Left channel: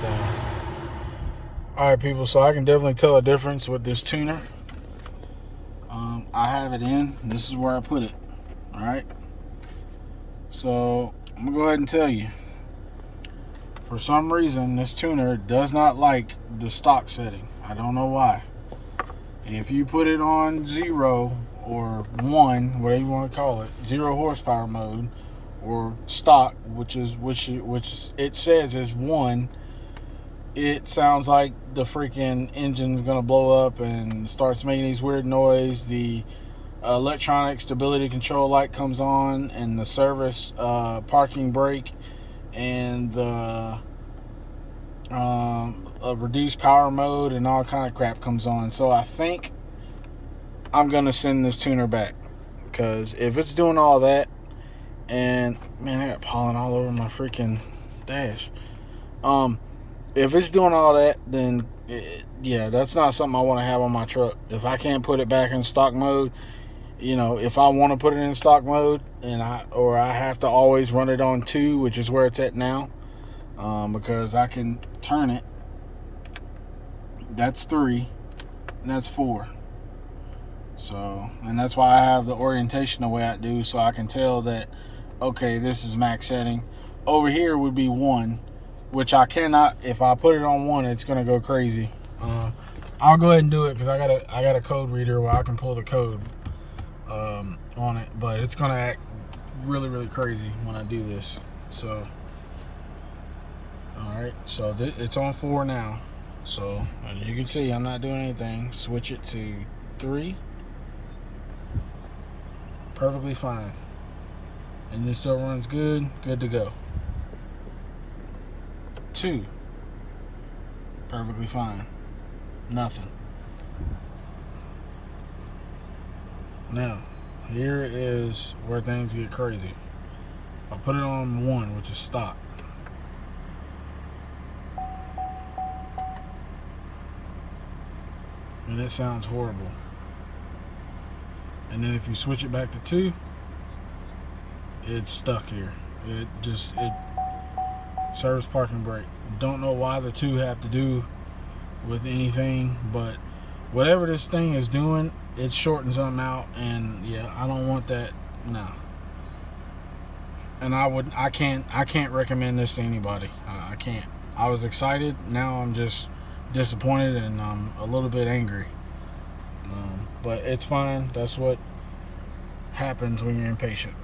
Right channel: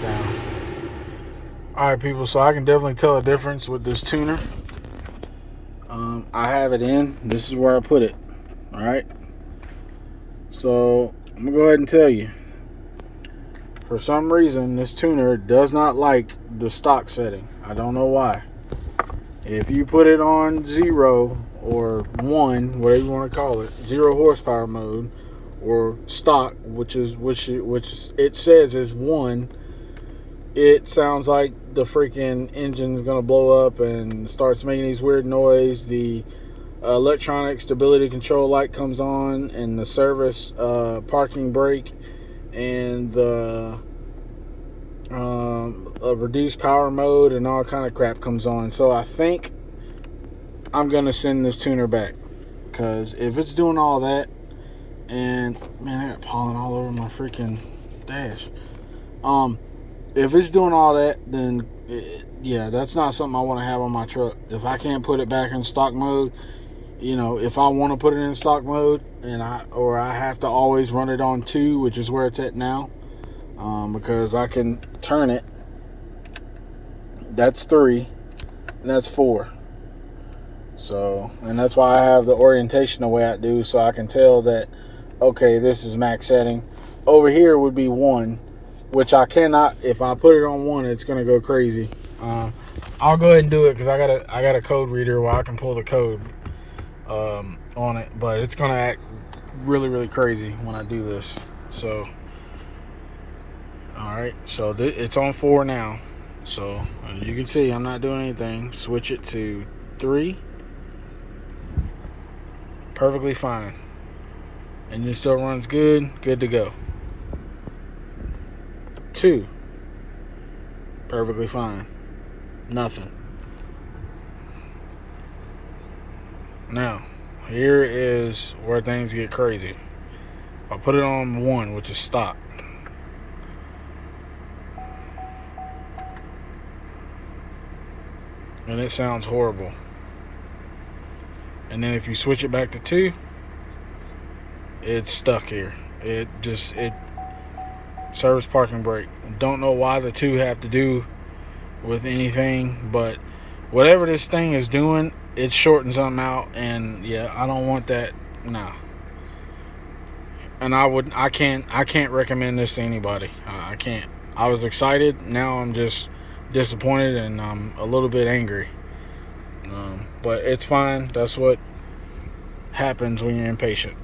down. Alright, people, so I can definitely tell a difference with this tuner. I have it in. This is where I put it. Alright. So, I'm going to go ahead and tell you. For some reason, this tuner does not like the stock setting. I don't know why. If you put it on 0 or 1, whatever you want to call it, 0 horsepower mode, or stock, which it says is 1, it sounds like the freaking engine's gonna blow up and starts making these weird noise. The electronic stability control light comes on, and the service parking brake, and the reduced power mode and all kind of crap comes on. So I think I'm gonna send this tuner back, because if it's doing all that, and man, I got pollen all over my freaking dash. If it's doing all that, then yeah, that's not something I want to have on my truck. If I can't put it back in stock mode, if I want to put it in stock mode, and I have to always run it on 2, which is where it's at now, because I can turn it. That's 3, and that's 4. So, and that's why I have the orientation the way I do, so I can tell that, okay, this is max setting. Over here would be 1, which I cannot. If I put it on 1, it's gonna go crazy. I'll go ahead and do it, because I got a code reader where I can pull the code on it, but it's gonna act really, really crazy when I do this. So, all right, so it's on 4 now. So as you can see, I'm not doing anything. Switch it to 3. Perfectly fine. Engine still runs good to go. 2, perfectly fine. Nothing. Now, here is where things get crazy. If I put it on 1, which is stock, and it sounds horrible. And then if you switch it back to 2, it's stuck here. It service parking brake. Don't know why the 2 have to do with anything, but whatever this thing is doing, it's shorting something out, and yeah, I don't want that. Nah. And I can't recommend this to anybody. I can't. I was excited. Now I'm just disappointed, and I'm a little bit angry. But it's fine. That's what happens when you're impatient.